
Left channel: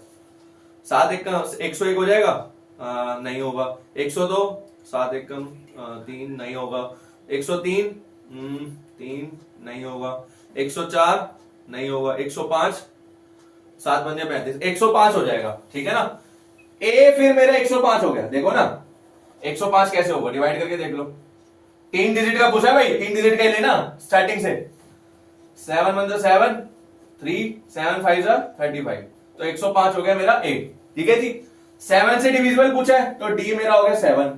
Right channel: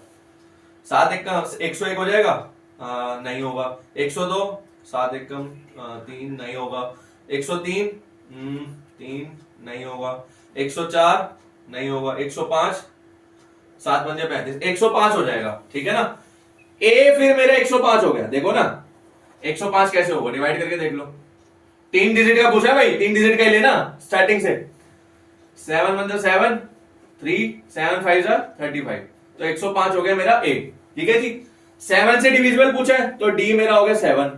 7 1 का 101 हो जाएगा, नहीं होगा। 102 7 1 कम 3 नहीं होगा। 103 3 नहीं होगा। 104 नहीं होगा। 105 7 पंजे 35, 105 हो जाएगा, ठीक है ना। ए फिर मेरा 105 हो गया, देखो ना 105 कैसे होगा, डिवाइड करके देख लो। 3 डिजिट का पूछा भाई, 3 डिजिट का ही लेना स्टार्टिंग से। 7 1 7 3 7 5 35, तो 105 हो गया मेरा ए, ठीक है जी। 7 से डिविजिबल पूछा है तो डी मेरा हो गया 7।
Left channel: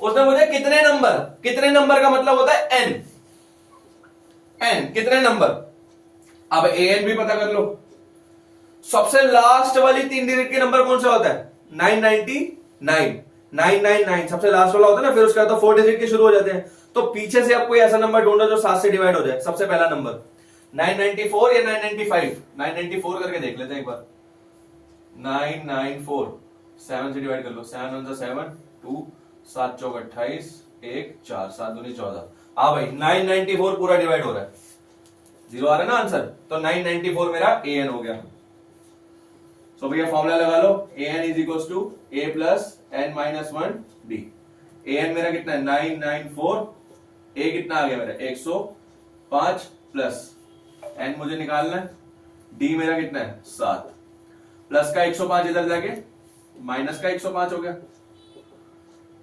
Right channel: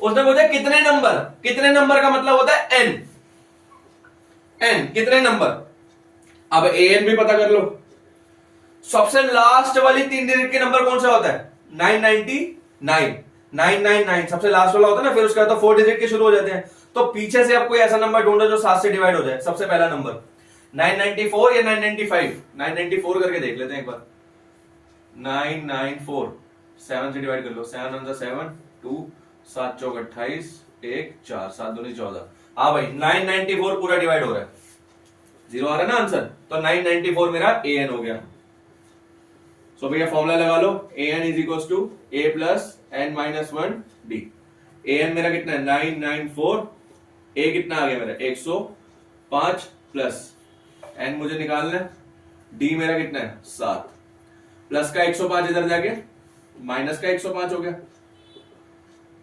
उसने पूछा कितने नंबर, कितने नंबर का मतलब होता है एन, एन कितने नंबर। अब ए एन भी पता कर लो। सबसे लास्ट वाली 3 डिजिट के नंबर कौन सा होता है 999, 999 सबसे लास्ट वाला होता है ना, फिर उसके बाद तो 4 डिजिट के शुरू हो जाते हैं। तो पीछे से आप कोई ऐसा नंबर ढूंढो जो 7 से डिवाइड हो जाए। सबसे पहला नंबर 994 या 995, 994 करके देख लेते हैं एक बार। 994 7 से डिवाइड कर लो, 7 1 7 2 7 चौक 28 1 4 7 दूनी 14। हाँ भाई 994 पूरा डिवाइड हो रहा है, 0 आ रहा है ना आंसर, तो 994 मेरा an हो गया। सो भैया फॉर्मूला लगा लो, an is equal to a plus n minus 1 d। an मेरा कितना है 994, a कितना आ गया मेरा 105 प्लस n मुझे निकालना है, d मेरा कितना है 7 प्लस का 105 इधर जाके माइनस का 105 हो गया।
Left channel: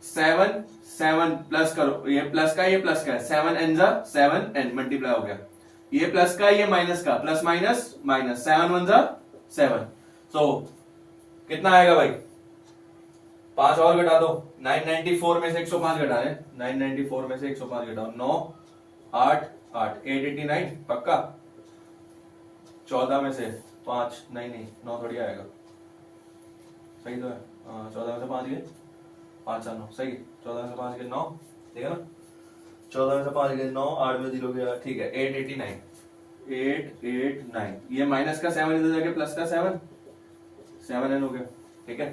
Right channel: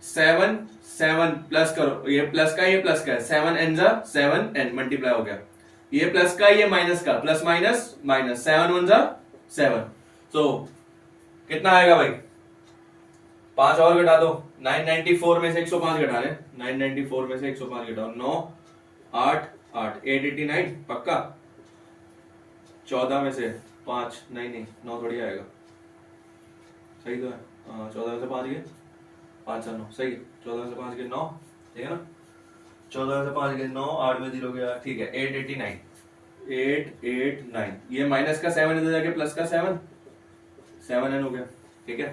7 7 प्लस करो, ये प्लस का है 7 n जा 7 n मल्टीप्लाई हो गया। ये प्लस का, ये माइनस का, प्लस माइनस माइनस, 7 1 जा 7। सो कितना आएगा भाई, 5 और घटा दो, 994 में से 105 घटा रहे, 994 में से 105 घटाओ, 9 8 8 889 पक्का। 14 में से 5 नहीं 9 थोड़ी आएगा, सही तो है। 14 में से 5 गए 5 4 9 सही है। 14 में से 5 गए 9, ठीक है ना। 14 में से 5 गए 9, 8 में 0 गया, ठीक है। 889 889, ये माइनस का 7 इधर जाके प्लस का 7 एन हो गया, ठीक है।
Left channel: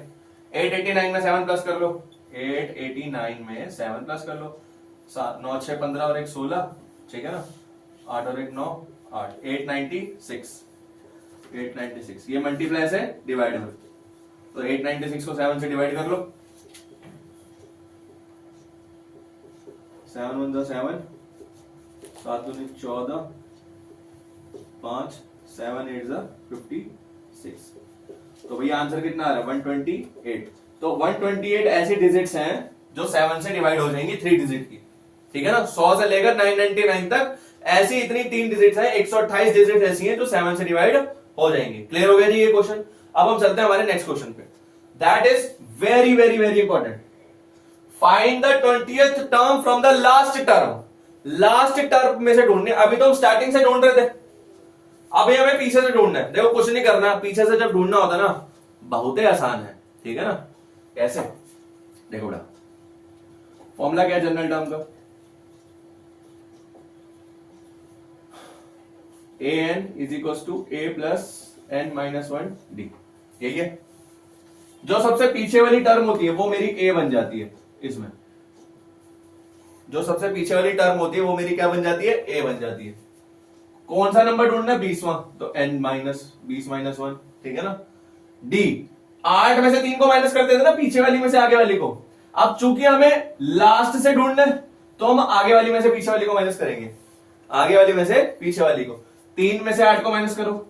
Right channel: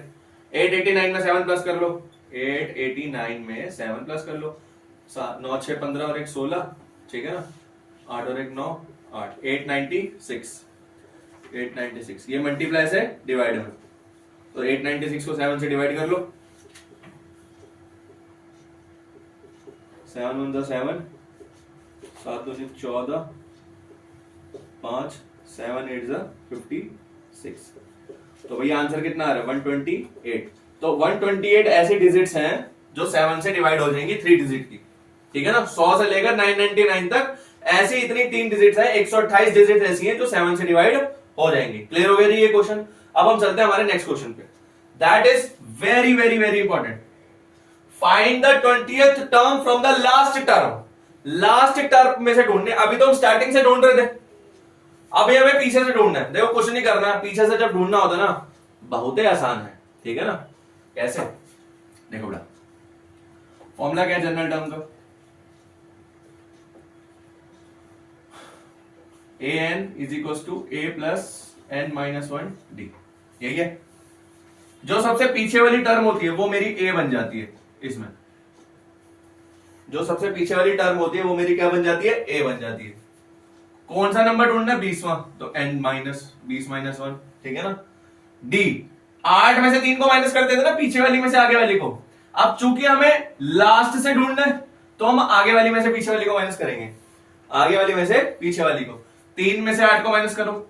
889 में 7 प्लस कर लो, 889 में 7 प्लस कर लो, 9 6 15 और 1 16, ठीक है ना। 8 और 1 9 8, 896, ये मल्टीप्लाई से डिवाइड में, तो 896 को 7 से डिवाइड कर लो, 7 1 7, 7 2 14, 5 7 8 56। तो भैया आंसर कितना आ रहा है 128। तो 128 ऐसी डिजिट्स हैं जो 7 से डिवाइड हो जाएंगी 3 डिजिट की, ठीक है ना। 100 से लेकर 999 तक ऐसी इतनी 3 डिजिट्स हैं, 128 डिजिट ऐसी हैं जो 7 से डिवाइड हो जाएंगी। क्लियर हो गया जी ये क्वेश्चन। अब हम चलते हैं हमारे नेक्स्ट क्वेश्चन पे, that is very very very important. Find the 20th term from the last term. Last term में से ढूंढने, अभी तो हम स्टार्टिंग से ढूंढ रहे थे, अभी हमें पीछे से ढूंढना है। देखो क्वेश्चन नहीं करना है, पीछे से जब ढूंढना होता है ना बहुत ही आसान है, ठीक है ना। कैसे, देखो बेटा फॉर्मूला क्या है जनरल टर्म का, an is equal to a plus n minus 1 d, यही है। जो सबसे पीछे वाली टर्म होती है वो मेरी a बन जाती है, इसमें जो सबसे पीछे वाली टर्म होती है वो मेरी क्या बन जाती है, a बन जाती है। कौन सा नंबर ढूंढना है, 20वां, तो n माइनस 20 माइनस 1, ठीक है ना। d 8 में से 3 को माइनस कर देते ना, पीछे वाली में से आगे वाली को। अब चूंकि हमें लास्ट से ढूंढना है तो हम आगे वाली में से पीछे वाली को माइनस करेंगे, आगे वाली में से पीछे वाली को। 3 में से 8 को माइनस करो,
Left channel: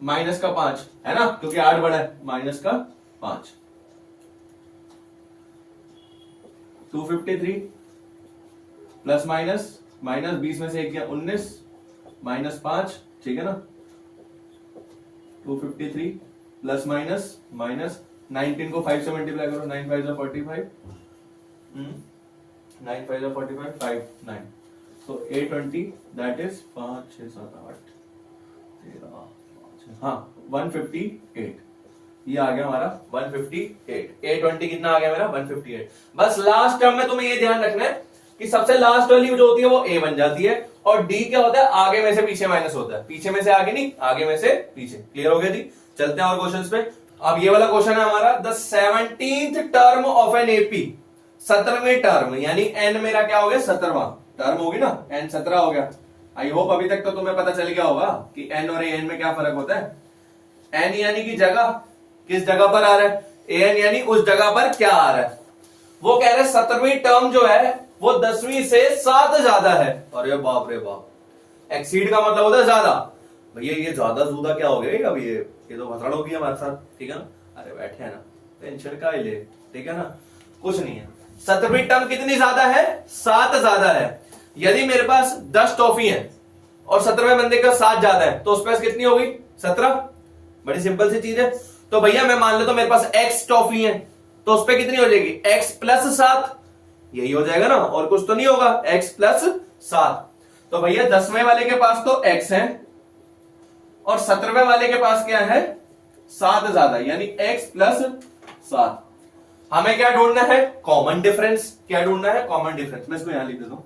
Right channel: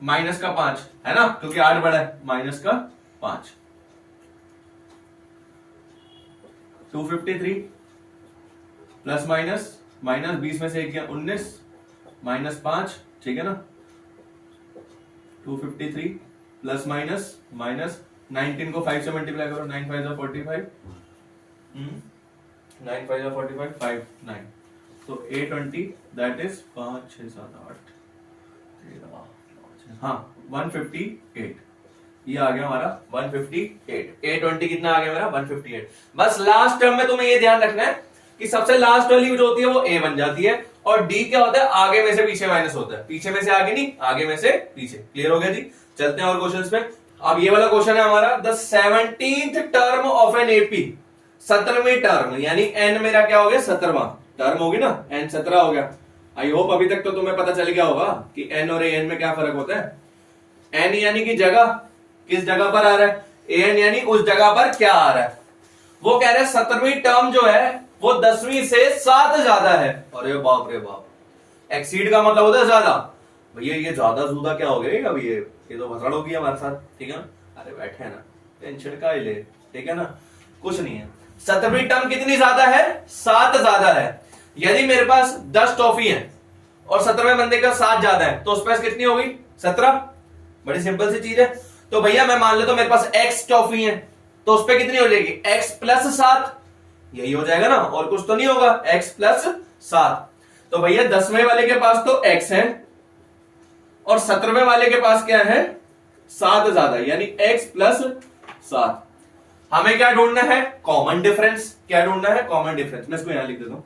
माइनस का 5 है ना, क्योंकि 8 बड़ा है, माइनस का 5, 253 प्लस माइनस माइनस 20 में से 1 गया 19 माइनस 5, ठीक है ना। 253 प्लस माइनस माइनस 19 को 5 से मल्टीप्लाई करो, 9 5 45, 9 5 45, 5 9, तो 820 दैट इज 5 6 7 8 13, हाँ 158, ये आ गया हमारा 158। 820 कितना आ गया मेरा 158। बस लास्ट टर्म में तुम्हें ये ध्यान रखना है कि सबसे लास्ट वाली जो होती है वो a बन जाती है, और d क्या होता है, आगे में से पीछे माइनस होता है, पीछे में से आगे नहीं, आगे में से पीछे। क्लियर हो गया जी। चलते हैं और क्वेश्चंस पे। अब ये वाला क्वेश्चन है हमारा, the 17th term of an AP, 17वीं टर्म, यानी n मेरा क्या हो गया 17वां टर्म होगी ना, n 17 हो गया। आई होप अभी तक तो तुम्हें पता चल गया होगा कि n और an में क्या फर्क होता है। n यानी कि जगह, किस जगह पर आ रहा है, an यानी उस जगह पर क्या आ रहा है। वो कह रहे हैं 17वीं टर्म जो है वो 10वीं से 7 ज्यादा है। अरे बाप रे बाप, एक्सीड का मतलब होता है ज्यादा। भैया ये ज्यादा जूदा क्या हो गया, अभी ये तो भसड़ होगी हमारे साथ, ठीक है ना। अरे बैठे है ना, टेंशन का ले, ठीक है ना, कुछ नहीं है। 17वीं टर्म कितनी ज्यादा है, 7 ज्यादा है। यदि मेरे पास 10 टॉफी है और 17वें बंदे का 7 ज्यादा है तो उस पास कितनी होगी 17। बड़ी सिंपल सी चीज है। तो भैया मैं मान लेता हूं मेरे पास x टॉफी है तो उस पर कितनी हो जाएगी x प्लस 7, यही हो जाएगा ना, और कुछ तो नहीं होगा, x प्लस 7। तो भैया 10वें वाले के पास तो x है और 17वें वाले के पास क्या है 7 ज्यादा, यानी x प्लस 7। हमें क्या ढूंढना है, कॉमन डिफरेंस। क्या ढूंढना है, कॉमन डिफरेंस। मैं इसको यहां लिख देता हूं,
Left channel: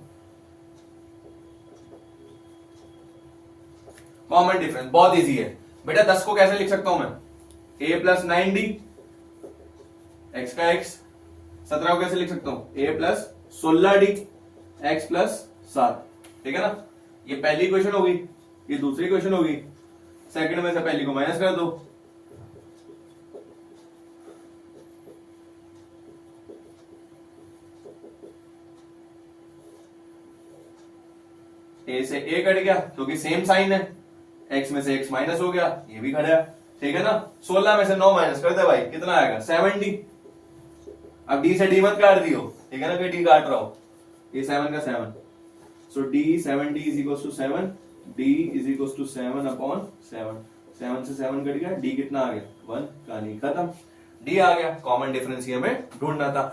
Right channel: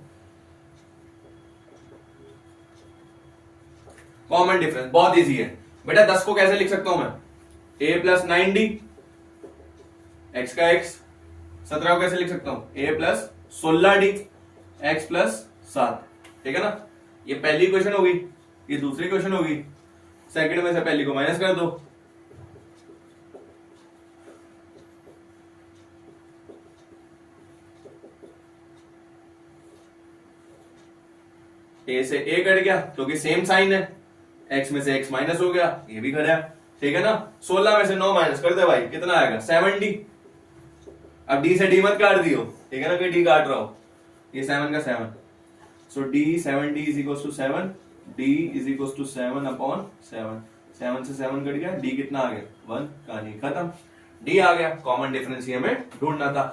कॉमन डिफरेंस बहुत इजी है बेटा। 10 को कैसे लिख सकता हूं मैं, a प्लस 9d, x का x। 17 को कैसे लिख सकता हूं, a plus 16d, x plus 7, ठीक है ना। ये पहली क्वेश्चन होगी, ये दूसरी क्वेश्चन होगी। सेकंड में से पहली को माइनस कर दो, a से a कट गया क्योंकि सेम साइन है, x में से x माइनस हो गया, ये भी कटा, ठीक है ना। 16 में से 9 माइनस कर दे भाई, कितना आएगा 7d। अब d से d मत काट दियो, ठीक है ना, कोई d काट रहा हो, ये 7 का 7, so d 7d is equal to 7, d is equal to 7/7, 7 से 7 कट गया, d कितना आ गया 1, कहानी खत्म। d आ गया, कॉमन डिफरेंस ही हमें ढूंढना था।